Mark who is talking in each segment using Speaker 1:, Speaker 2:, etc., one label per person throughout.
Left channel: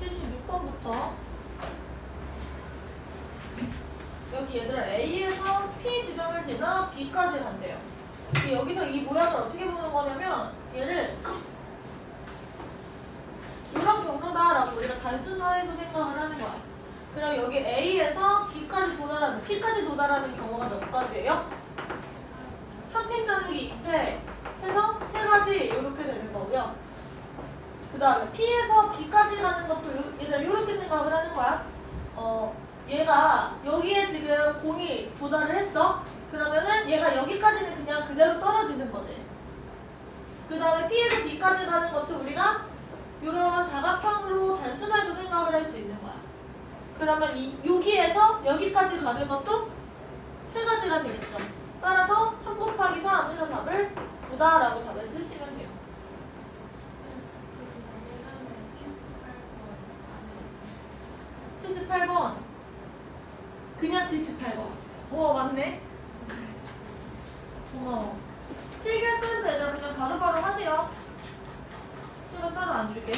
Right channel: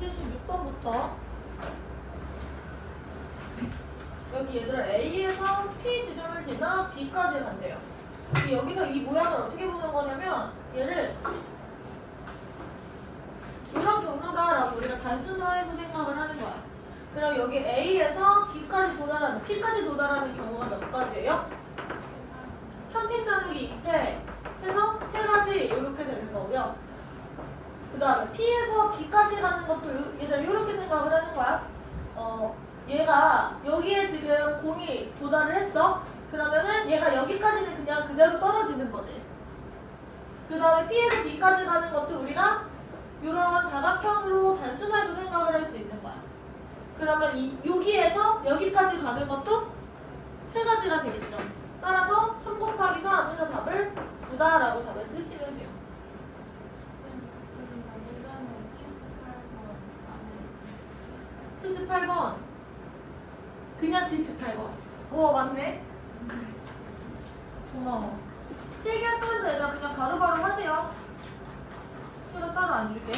Speaker 1: 276번부터 여기 얘들아 A에서 P 지점을 지나 B까지 간대요. 여기서 이 모양을 어떻게 보는 거냐면 얘를 이런 경로다라고 우리가 단순화해서 생각을 하는 거야. 그럼 여기 A에서 B까지 도달하는, P까지 도달하는 경우가 몇 가지예요? 3펜 나누기 2패 해서 세 가지 이렇게 되는 거고요. 그 다음에 P에서 B까지 가는 것도 요- 얘들 이렇게 생각을 하는 거야. 어, 얘가 여기에 지금 공이 도달을 했어. 그러면은 얘가 여기까지는 그냥 그대로 떨어지는 거지. 그 다음에 P에서 B까지 가는 것도 우리가 이런 사각형으로 단순해서 생각을 할 수 있는 거야. 그러면 이 여기에서 여기까지 가는 것도 세 가지가 되겠죠. 따라서 3 곱하기 4 하면 답을 9다라고 답을 쓰시면 돼요. 78번. 그냥 78번. 오, 맞네. 고마워. 필기했으면 얘들아 그냥 바로바로 하세요. 시간 따로 안 줄게.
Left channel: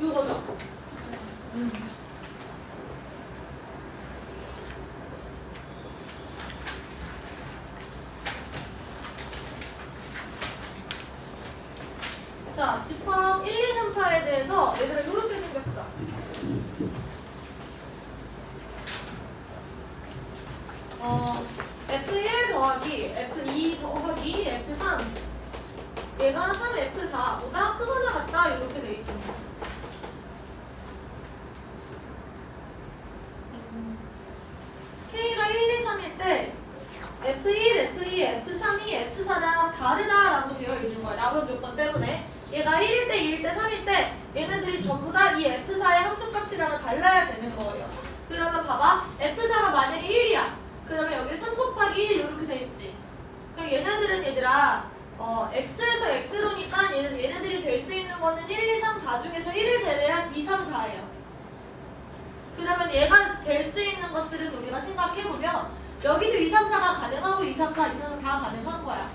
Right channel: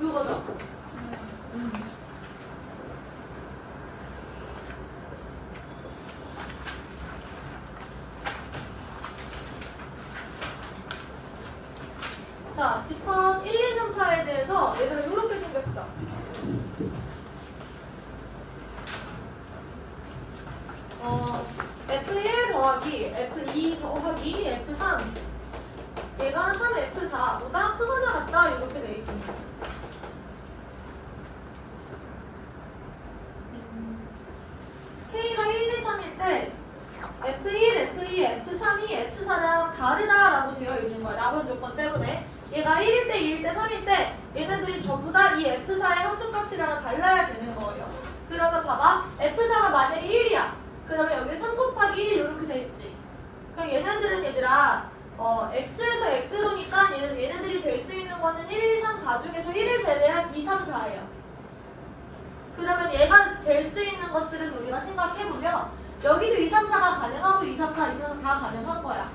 Speaker 1: 이거죠? 음. 자, 집합 1, 2, 3, 4에 대해서 얘들아 이렇게 생겼어. 어, F1 더하기 F2 더하기 F3 얘가 3F4보다? 크거나 같다. 이렇게 돼 있습니다. K가 1, 2, 3일 때 F1, F2, F3이 F4랑 다르다라고 되어 있는 거야. 남은 조건 때문에. 얘가 1일 때, 2일 때, 3일 때 얘네들이 전부 다 이 F4의 함수값이랑은 달라야 되는 거예요. 그러면 봐봐. F4가 만약에 1이야. 그러면 여기 3 곱하기 1 이렇게 돼 있지. 그럼 얘네들은 얘들아 어, X에서 X로니까 얘는, 얘네들이 될 수 있는 거는 1, 2, 3, 4 중에서 1을 제외한 2, 3, 4예요. 그러면 얘가 될 수 있는 것들은 우리가 생각해보면 여기도 2, 3, 4가 가능하고 2, 3, 4 이상은 다 가능한 거야.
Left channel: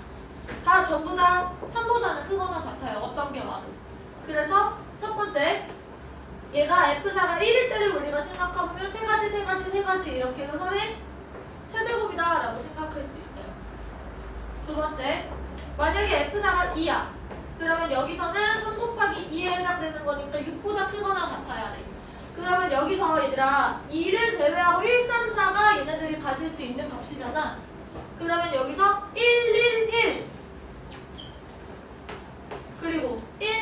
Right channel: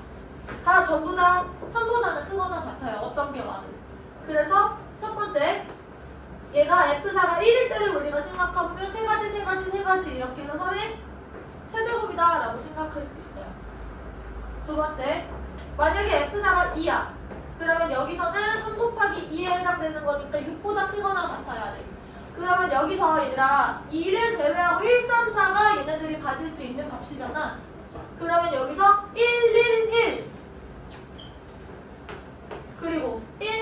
Speaker 1: 다 전부 다 3보다는 크거나 같아요. 어떤 게 와도. 그래서 첫 번째 얘가 F4가 1일 때를 우리가 생각해보면 세 가지, 세 가지, 세 가지 이렇게 해서 3의 세제곱이다 라고 생각할 수 있어요. 두 번째 만약에 F4가 2야. 그러면 여기서는 3 곱하기 2에 해당되는 거니까 6보다 크거나 같아야 돼. 그러면 여기서 얘들아 2를 제외하고 1, 3, 4가 얘네들이 가질 수 있는 값이잖아. 그러면 여기서 1, 1, 1 그리고 1, 1, 3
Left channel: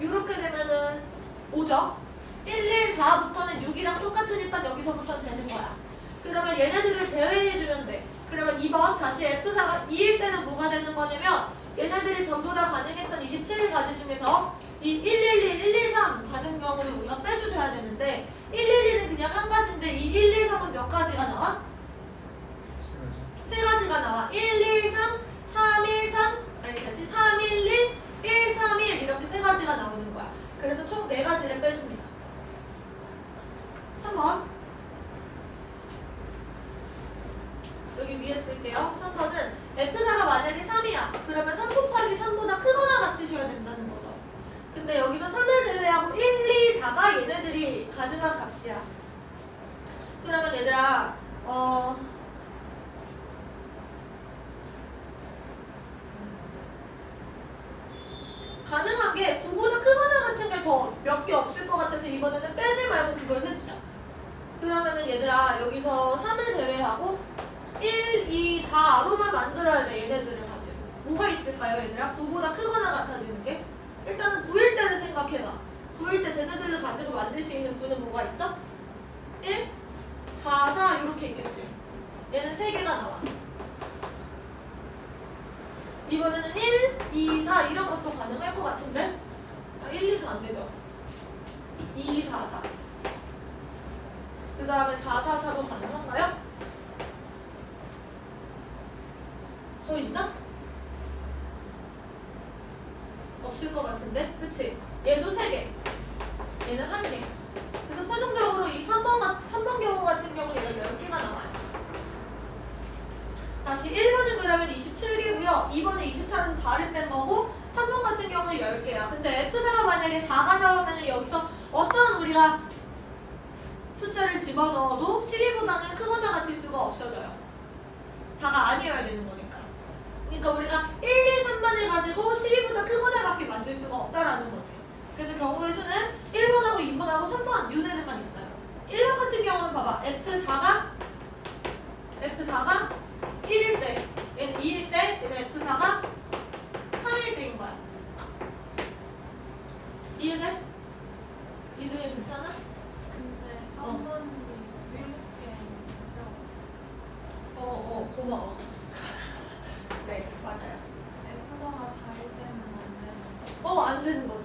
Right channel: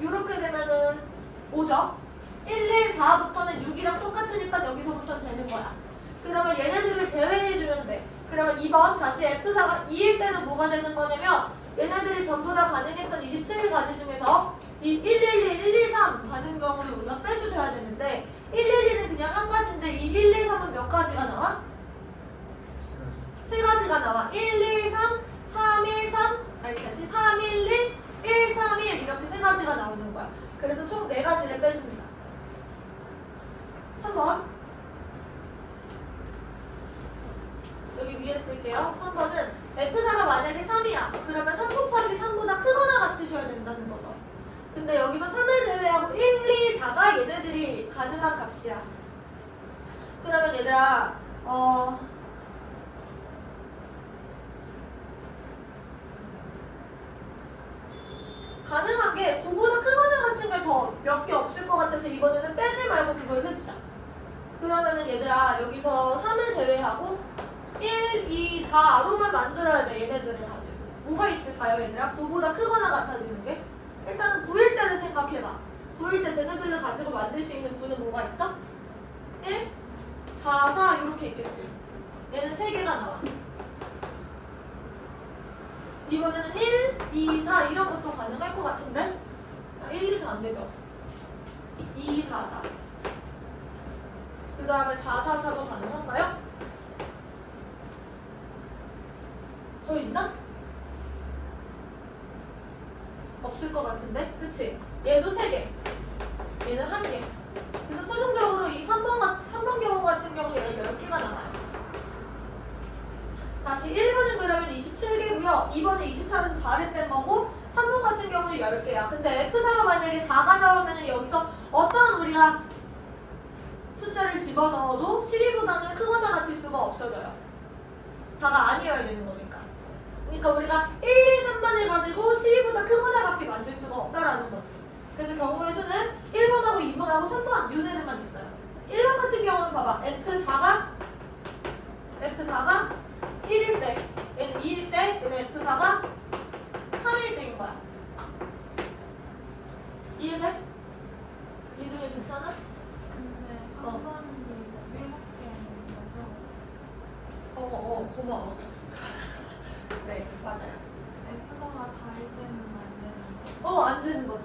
Speaker 1: 이렇게 되면은 5죠. 1, 1, 4부터는 6이랑 똑같으니까 여기서부터 되는 거야. 그러면 얘네들을 제외해주면 돼. 그러면 2번 다시 F4가 2일 때는 뭐가 되는 거냐면 얘네들이 전부 다 가능했던 27가지 중에서 이 111, 123 가는 경우를 우리가 빼주셔야 되는데 111은 그냥 한 가지인데 이 113은 몇 가지가 나와? 세 가지가 나와. 1, 2, 3, 3, 1, 3 아니 다시 3, 1, 1, 1, 3, 1 이렇게 세 가지가 나오는 거야. 그래서 총 네 가지를 빼줍니다. 3번 여기 위에 쓸게요. 3번은 F사가 만약에 3이야. 그러면 3 곱하기 3보다 크거나 같으셔야 된다는 거죠. 근데 여기서 3을 제외하고 1, 2, 4가 얘네들이 가능한 값이야. 그러면 얘들아, 어, 가능한 게 9보다 크거나 같은 게더몇 개 없을 것 같아서 이번에는 빼지 말고 그걸 세주자. 그러면은 얘들아 여기서 3을 제외하고 1, 2, 4로만 만들어야 돼 얘네들을 가지고 뭐가 있을까요 얘들아? 9보다 크거나 같아지는 게? 일단은 9일 때를 생각해봐 9일 때 쟤네들을 가지고 만들 수 있는 9는 뭐가 있어? 1, 4, 4 이렇게 있겠지 얘는 3개가 나와 이번에는 1, 2, 4 이런 것도 가능할 것 같은데 1, 2, 4 안 되죠? 2, 4, 4. 그 다음에 4, 4, 4도 가능한가요? 또 있나? 없을 것 같은데? 그치? 얘도 10개야. 근데 F사가 만약에 4가 나오면 여기서 어떤 우리가 숫자를 집어넣어도 12보다는 크거나 같을 수가 없어져요. 4가 아니어야 되는 거니까. 그러니까 우리가 1, 2, 3번을 가지고 12보다 크거나 같게 만들 수가 없다라는 거지. 그래서 경우의 수는 1번하고 2번하고 3번 요 애들만 있어요. 1번 같은 경우는 봐봐. F4가 F4가 1일 때 얘는 2일 때 얘는 F4가 3일 때인 거야. 이해돼? 이등이 괜찮아?
Speaker 2: 근데
Speaker 1: 어.
Speaker 2: 한 번도 일곱 개라서
Speaker 1: 어, 어, 고마워. 네, 맞아요.
Speaker 2: F사가 다일 때는 안 되는
Speaker 1: 어, 안 되는 거지.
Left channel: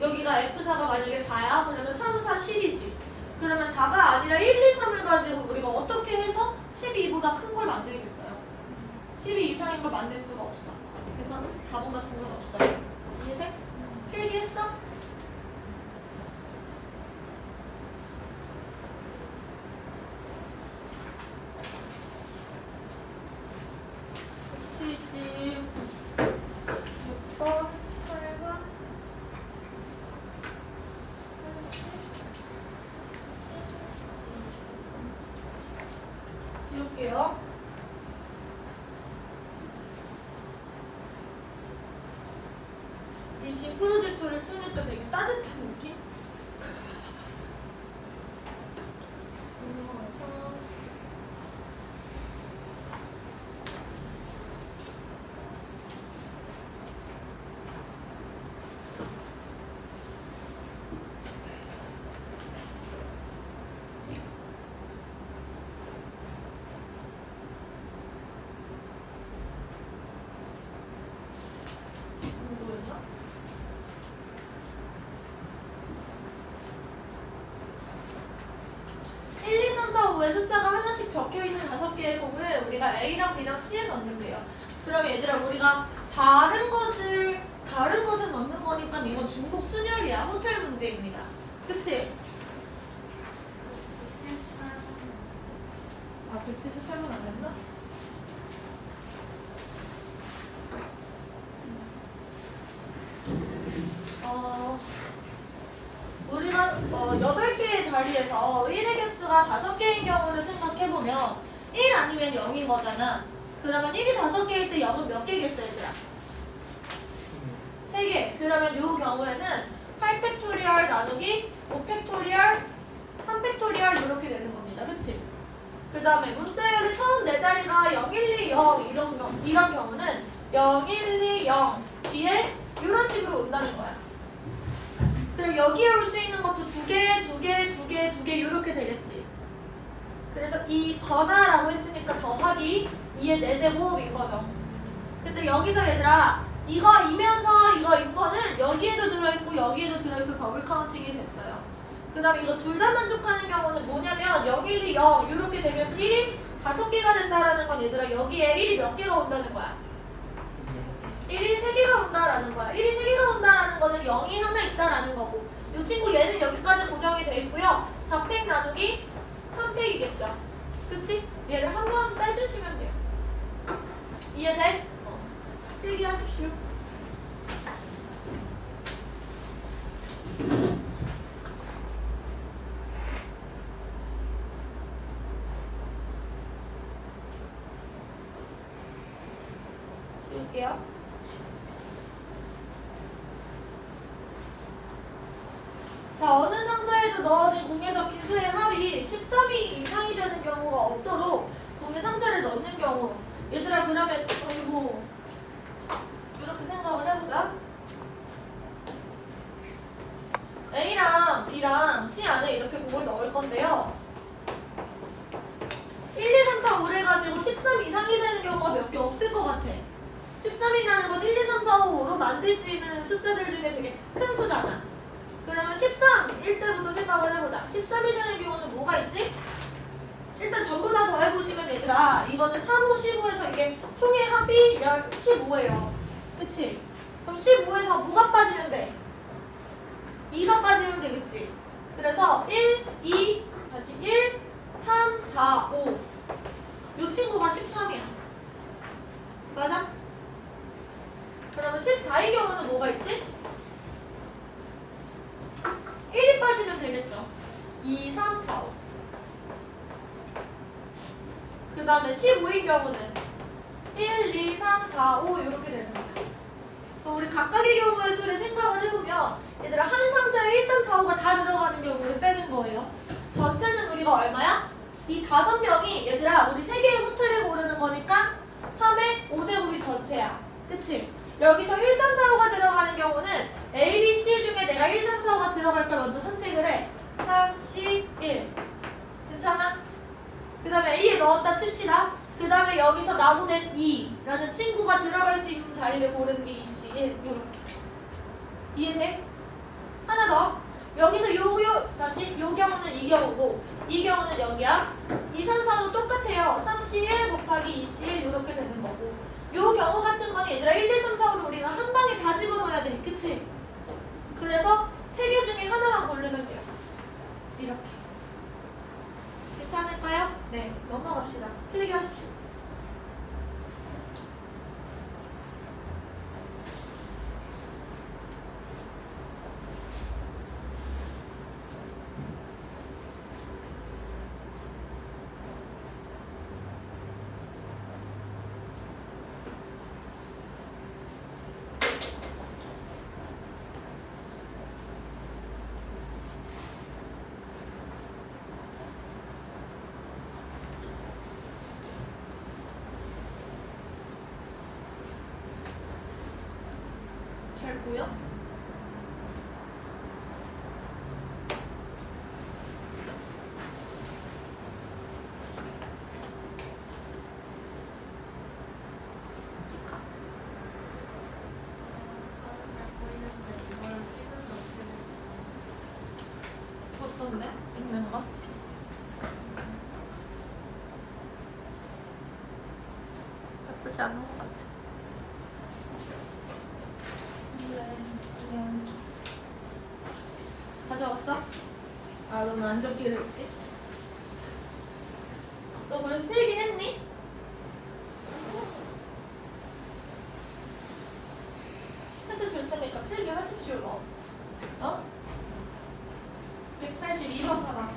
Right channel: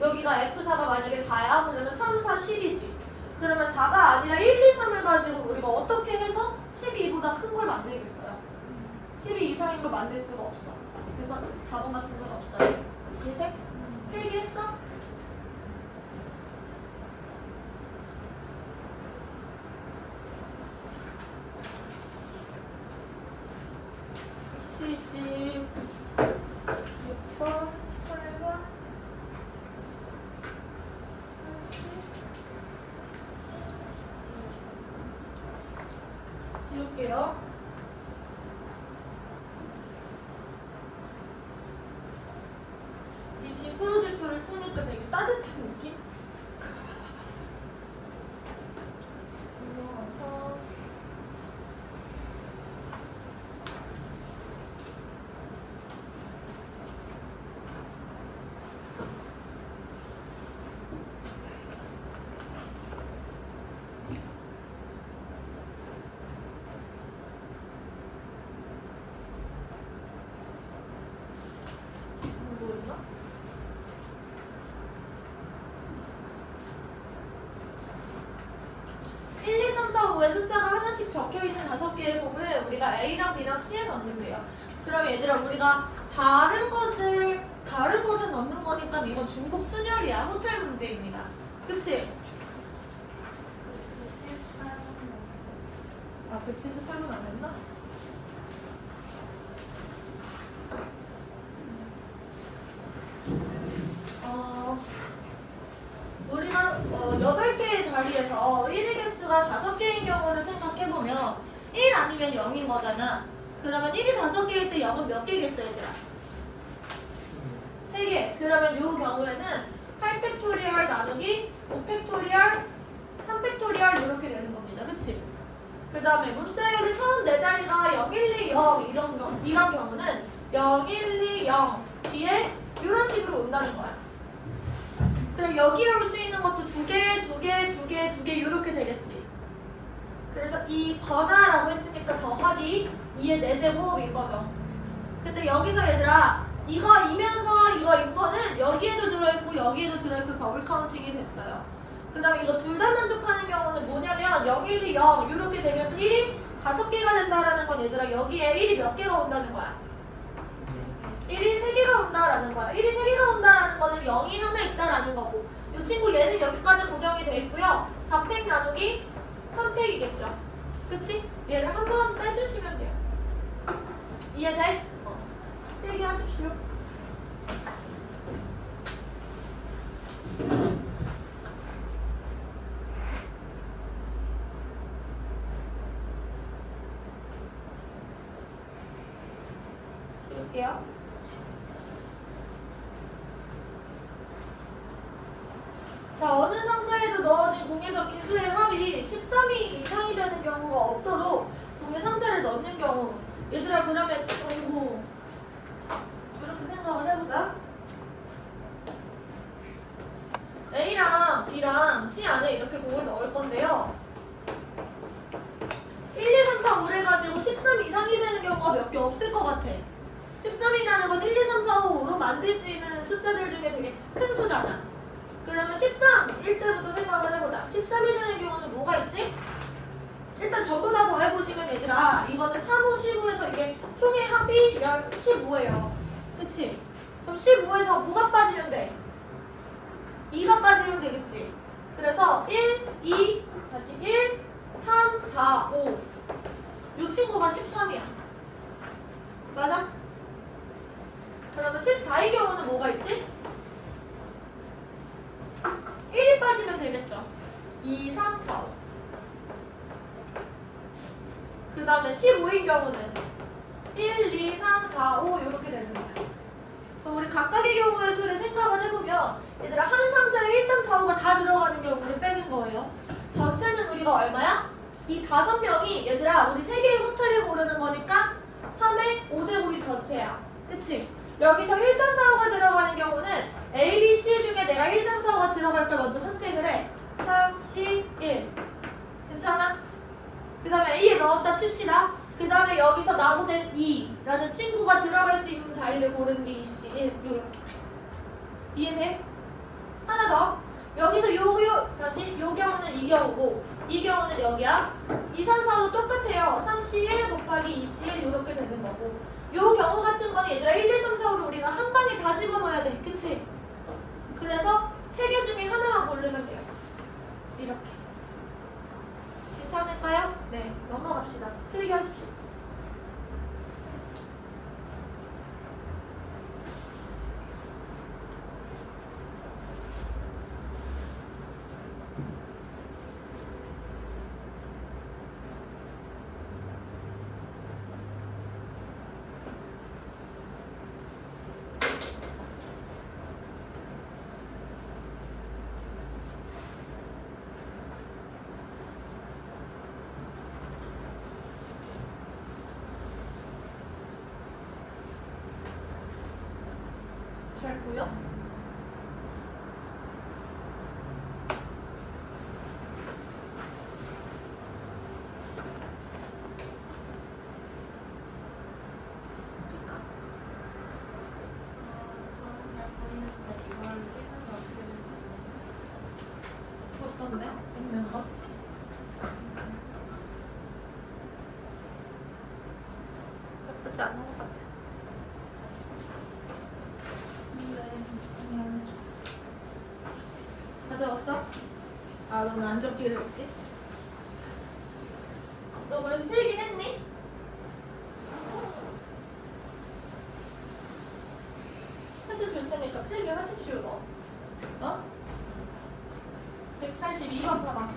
Speaker 1: 여기가 F4가 만약에 4야? 그러면 3, 4, 10이지. 그러면 4가 아니라 1, 2, 3을 가지고 우리가 어떻게 해서 12보다 큰 걸 만들겠어요? 12 이상인 걸 만들 수가 없어. 그래서 4번 같은 건 없어요. 이해돼? 필기했어? 칠십 6번, 8번, 지울게요. 이 빔 프로젝터를 켜니까 되게 따뜻한 느낌? 그래서 뭐 있나? 일, 이, 삼, 사, 5에 숫자가 하나씩 적혀있는 다섯 개의 콤을 우리가 A랑 B랑 C에 넣는데요. 그럼 얘들아 우리가 다른 것을 다른 것을 넣는 거니까 이건 중복 순열이야. 호텔 문제입니다. 그치?
Speaker 2: 78번
Speaker 1: 아 178분 안 됐나? 어, 우리가 어, 8개의 자리에서 1의 개수가 5개인 경우를 생각해보면 1 아니면 0인 거잖아. 그러면 1이 5개일 때 0은 몇 개겠어 얘들아? 3개. 그러면 이 경우에는 8팩토리얼 나누기 5팩토리얼 3팩토리얼 이렇게 되는 겁니다. 그치? 그 다음에 문자열의 처음 네 자리가 0, 1, 2, 0 이런, 거, 이런 경우는 0, 1, 2, 0 뒤에 이런 식으로 온다는 거야. 그럼 여기에 올 수 있는 것도 두 개, 두 개, 두 개, 두 개 이렇게 되겠지. 그래서 이 거나라고 했으니까 더하기 2의 4제곱인 거죠. 근데 여기서 얘들아 이거 이면서 이거 인거는 여기에도 들어있고 여기에도 들어있어 더블 카운팅이 됐어요. 그럼 이거 둘 다 만족하는 경우는 뭐냐면 0, 1, 2, 0 이렇게 되면서 1이 다섯 개가 된다라는 건 얘들아 여기에 1이 몇 개가 온다는 거야? 1이 3개가 온다라는 거야. 1이 3개가 온다라는 거는 0이 하나 있다라는 거고 이 친구 얘는 여기까지 고정이 돼 있고요. 4팩 나누기 3팩이겠죠. 그치? 얘를 한 번 빼주시면 돼요. 이해돼? 어. 필기하십시오. 쓸게요. 자, 어느 상자에도 넣어진 공에 적힌 수의 합이 13이 이상이 되는 경우가 없도록 공에 상자를 넣는 경우. 얘들아, 그러면, 아이고, 이렇게 생각을 해보자. A랑 B랑 C 안에 이렇게 공을 넣을 건데요. 1, 2, 3, 4, 5를 가지고 13 이상이 되는 경우가 몇 개 없을 것 같아. 13이라는 건 1, 2, 3, 4, 5, 5로 만들 수 있는 숫자들 중에 되게 큰 수잖아. 그러면 13일 때부터 생각을 해보자. 13이 되는 경우는 뭐가 있지? 일단 전부 다 더해보시면 얘들아 이거는 3, 5, 15에서 이게 총의 합이 15예요. 그치? 그럼 15에서 뭐가 빠지면 돼? 2가 빠지면 되겠지. 그래서 1, 2, 다시 1, 3, 4, 5. 이 친구가 13이야. 맞아? 그러면 14의 경우는 뭐가 있지? 1이 빠지면 되겠죠. 2, 3, 4, 5. 그 다음에 15인 경우는 1, 2, 3, 4, 5 이렇게 되는 거야. 그럼 우리 각각의 경우의 수를 생각을 해보면 얘들아 한 상자에 1, 3, 4, 5가 다 들어가는 경우를 빼는 거예요. 전체는 우리가 얼마야? 이 다섯 명이 얘들아 우리 세 개의 호텔을 고르는 거니까 3의 5제곱이 전체야. 그치? 여기서 1, 3, 4, 5가 들어가는 경우는 A, B, C 중에 내가 1, 3, 4, 5가 들어갈 걸 먼저 선택을 해. 3, 10, 1. 괜찮아? 그 다음에 A에 넣었다 칩시다. 그 다음에 여기서 나무된 2라는 친구가 들어갈 수 있는 자리를 고르는 게 2C 1 요렇게. 이해돼? 하나 더. 여기서 요, 요 다시 요 경우는 이 경우고 이 경우는 여기야. 2, 3, 4도 똑같아요. 3C1 곱하기 2C1 이렇게 되는 거고. 요 경우 같은 건 얘들아 1, 2, 3, 4, 5를 우리가 한 방에 다 집어넣어야 돼 그치? 그래서 세 개 중에 하나만 고르면 돼요 이렇게 괜찮을까요? 네, 넘어갑시다. 필기하십시오. 잘 보여? 어떤데? 찍는 거? 나쁘지 않은 것 같아. 그래, 그냥. 가져왔어? 아, 너는 안 적기로 했지? 너 벌써 필기 했니? 핸드 줄 테니까 필기 하십시오. 어? 182번 봐봐.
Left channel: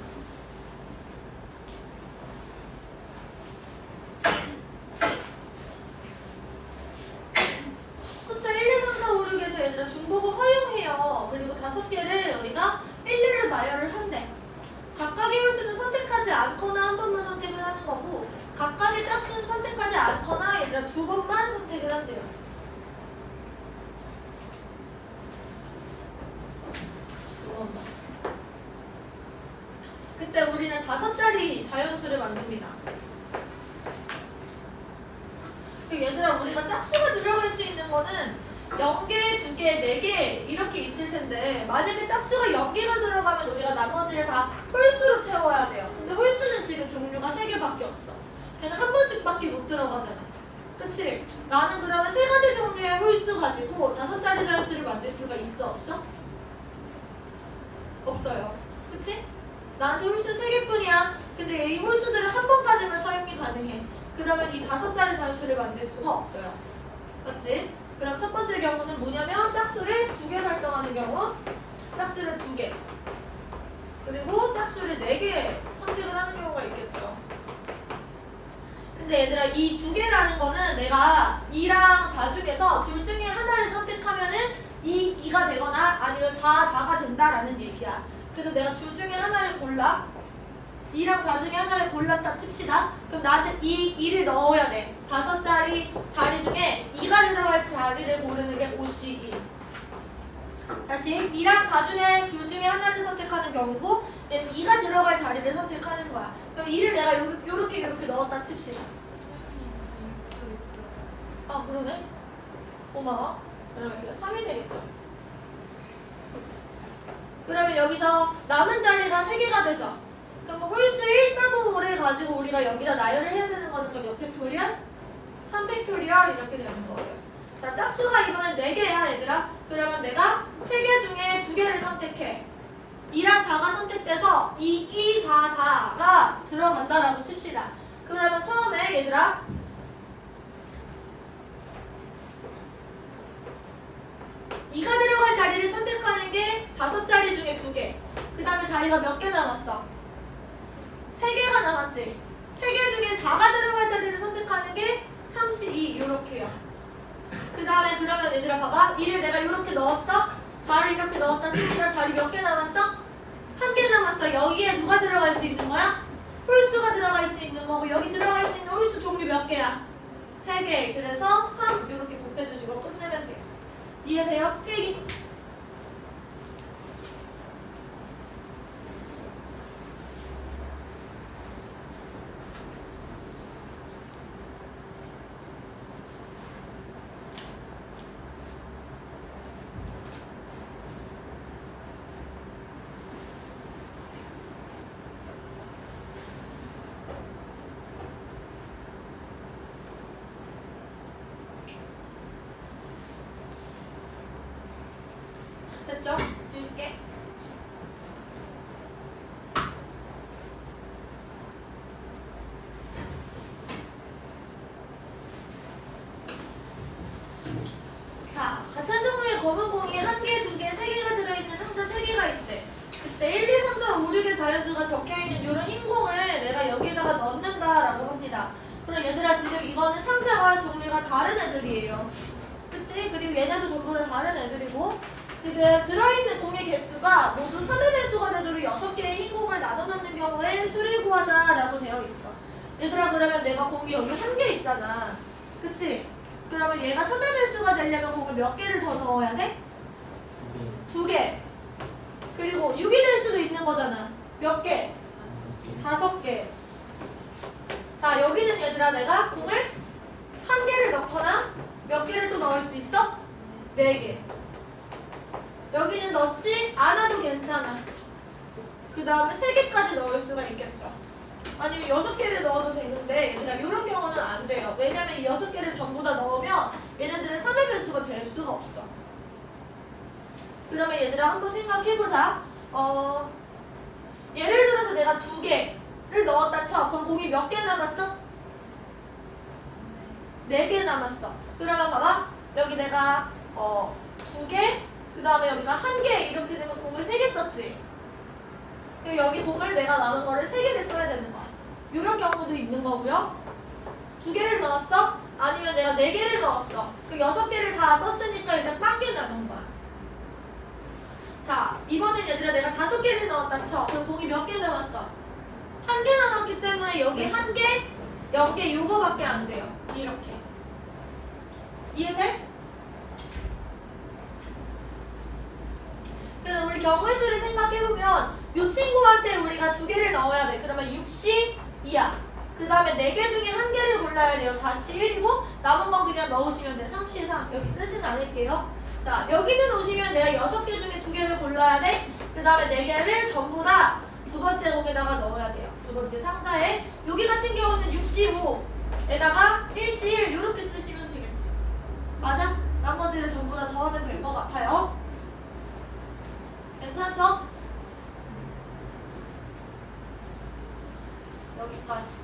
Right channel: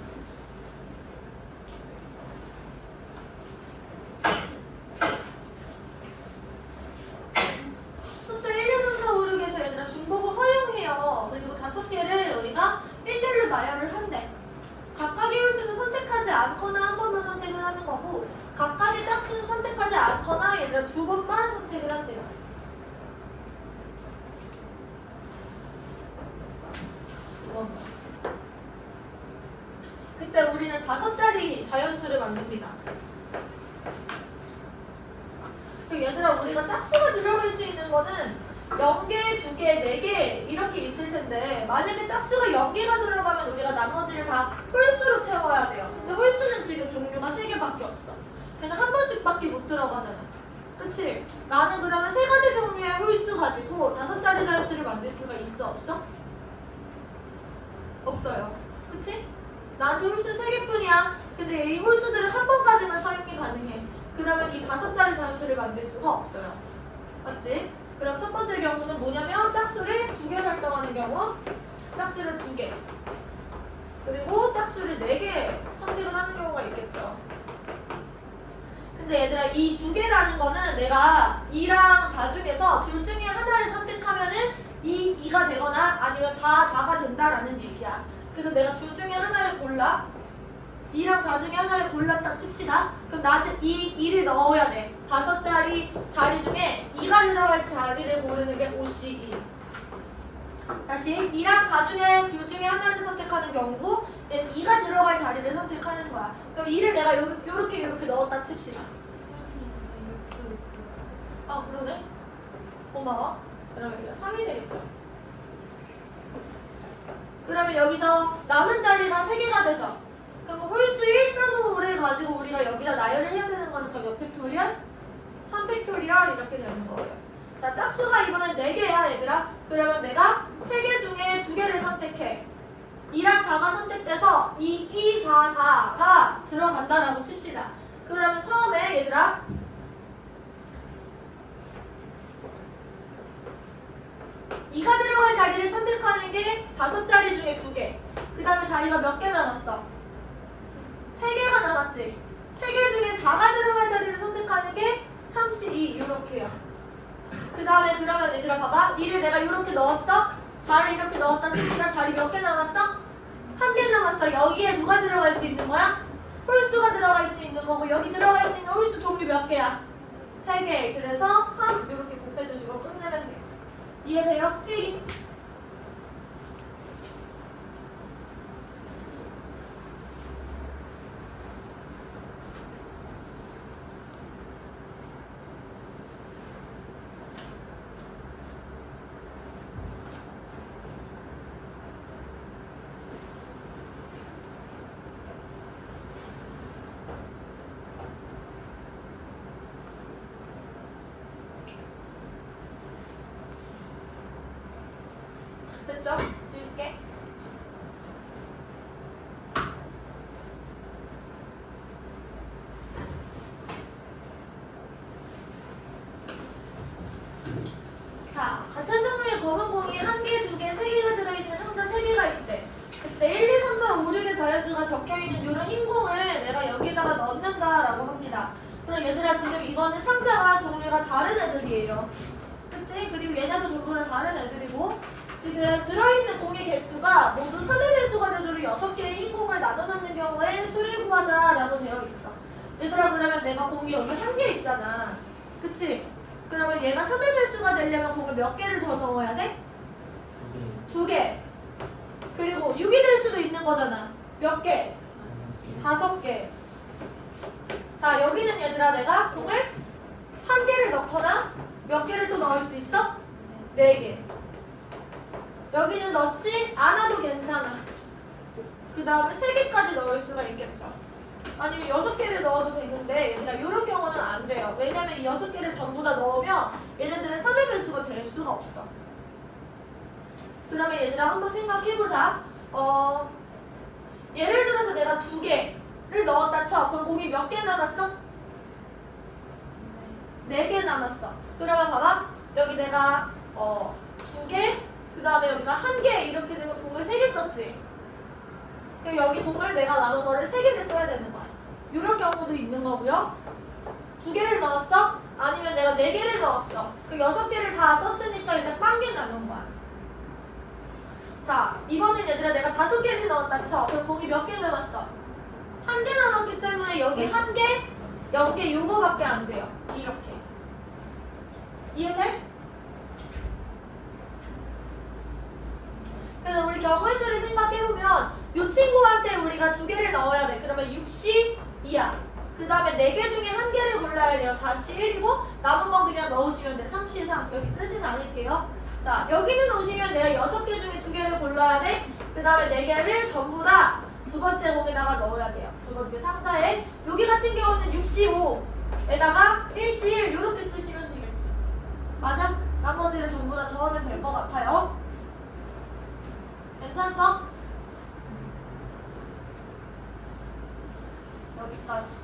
Speaker 1: 숫자 1, 2, 3, 4, 5, 6에서 얘들아 중복을 허용해요. 그리고 다섯 개를 우리가 일렬로 나열을 한대. 각각의 홀수는 선택하지 않거나 한 번만 선택을 하는 거고 각각의 짝수는 선택하지 않거나 얘들아 두 번만 선택을 한대요. 그때 우리는 다섯 자리 자연수를 만듭니다. 그 얘들아 우리가 짝수가 들어갈 수 있는 거는 0개, 2개, 4개 이렇게 텐데 만약에 짝수가 0개가 들어가면 우리가 나머지를 다 홀수로 채워야 돼요. 근데 홀수는 지금 종류가 3개밖에 없어. 걔는 한 번씩밖에 못 들어가잖아. 그치? 나는 그러면 세 가지 종류의 홀수 가지고 다섯 자리 자연수를 만들 수가 있어 없어? 없어요. 그치? 나한테 홀수 세 개뿐이야. 근데 이 홀수들은 한 번까지만 사용이 가능해. 그러면 이 다섯 자리 자연수를 만들 수가 없어요. 맞지? 그럼 첫 번째 경우는 뭐냐면 짝수를 두 개 설정하는 경우 짝수를 두 개. 그리고 짝수를 네 개 선택을 하는 경우가 있겠죠. 근데 얘들아 이 두 개라는 거는 내가 2랑 4 중에서 둘 중에 하나를 선택하면은 2, 2가 되거나 아니면 4, 4가 된다라는 얘기야. 그래서 내가 둘 중에 하나를 골라. 2랑 4 중에 하나를 골랐다 칩시다. 그럼 나한테 이 2를 넣어야 돼. 다섯 자리 자리 중에 2가 들어갈 자리를 고르는 게 5씩 2. 다시 2랑 4 중에 둘 중에 하나를 선택하는 얘는 2가 들어갈 자리를 선택하는 거야. 그럼 2를 내가 요, 요렇게 요렇게 넣었다 칩시다. 아 그러네. 고마워. 그러면 여기가 3이 되겠죠. 그러면 여기서 남은 자리가 3개가 되죠. 그럼 홀수 1, 3, 5, 5를 가지고 우리가 여기다 나열을 해야 되는 그럼 몇 팩토리얼? 3 팩토리얼 이렇게 되는 거예요. 자, 짝수가 이번엔 4개야, 얘들아. 그러면 내가 3개 중에 2개를 선택해. 2랑 4가 선택돼서 2, 2, 4, 4가 들어간다라고 칩시다. 그러면 처음에 얘들아 2가 들어갈 자리를 선택하는 게 다섯 자리 중에 두 개. 그 다음에 자리가 몇 개 남았어? 세 개가 남았지. 세개 중에 4가 들어갈 자리를 선택하는 게 32, 이렇게요. 그 다음에 그러면 얘들아 봐봐. 1을 내가 이렇게 넣었어? 4를 이렇게 넣었다 칩시다. 자리 몇 개 남았어? 한 개 남았어. 여기에 누가 들어갈 수 있는 거야? 홀수가 들어갈 수 있는 거고 여기 들어갈 수 있는 홀수 종류 몇 개야? 세 개. 그래서 3 이렇게 곱해주시고 끝내면 돼. 이해돼요? 필기. 됐죠? 지울게. 자, 같은 종류의 검은 공이 한 개, 두 개, 세 개가 들어있는 상자 세 개가 있대. 그때 1, 2, 3, 4, 5, 6의 자연수가 적혀있는 이런 흰 공을 내가 여기에다가 넣는다라고 합니다. 그럼 얘들아 지금 이거는 상자가 종류가 다른 애들이에요. 그치? 그리고 얘네도 전부 다 다른 애들이고 지금 들어있는 공의 개수가 모두 3의 배수가 되도록 6개의 흰 공을 나눠놓는 경우에 수를 구하자라고 되어 있어. 얘들아 그러면 내가 공이 여기 한 개 있잖아. 그치? 그러면 얘가 3의 배수가 되려면 공을 몇 개를 더 넣어야 돼? 두 개. 그리고 6이 될 수도 있는 거잖아. 몇 개? 다섯 개. 자, 여기는 얘들아 내가 공을 한 개를 넣거나 몇 개를 또 넣을 수 있어? 네 개. 여기는 넣지 않아도 괜찮아. 그 다음에 세 개까지 넣을 수가 있겠죠. 아니면 여섯 개를 넣어도 되는데 얘들아 이런 경우는 안 돼요. 왜냐면 이 여섯 개를 전부 다 넣으면 얘네들은 3의 배수가 될 수가 없어. 그러면 얘들아 한번 생각해보자. 어, 예를 들어서 내가 두 개를 넣었다 쳐. 그럼 공이 몇 개 남았어? 네 개 남았어. 그러면 봐봐. 여기 내가 어, 두 개, 그 다음에 여기가 한 개 이렇게 되면 공을 세 개 썼지. 그럼 여기 공을 내가 남은 거를 세 개를 써야 되는 거야. 이런 경우도 있는 거고요. 두 개를 넣었어? 아니면 내가 네 개를 넣었어. 그 여섯 개를 다 썼으니까 이제 빵 개 남은 거야. 자, 이번엔 얘들아 내가 다섯 개를 넣었다 쳐. 그럼 공이 몇개 남았어? 한 개 남았기 때문에 여기 한 개, 영 개, 요거밖에 안 돼요. 이렇게. 이해돼? 그래서 우리 경우의 수를 생각해보면 이 친구한테 우리가 두 개를 넣어야 돼. 그러면 6시 2야. 그 다음에 네 개 중에 한 개를 골라야 돼요. 4시 1이고 남은 건 그냥 넣으시면 돼. 3시 3. 여기 쓰진 않을게요. 자, 여기는 오시면 내가 여섯 개 중에 두 개를 골라야 돼. 그 다음에 네 개를 전부 다 두 번째 공에다가 넣어야 돼요. 두 번째 상자에. 여기 같은 경우는 6시 5에다가 1시 1 이렇게 쓰시면 되겠지. 맞아? 나머지를 전부 다 더하면 될 것 같아요. 괜찮죠? 여기까지.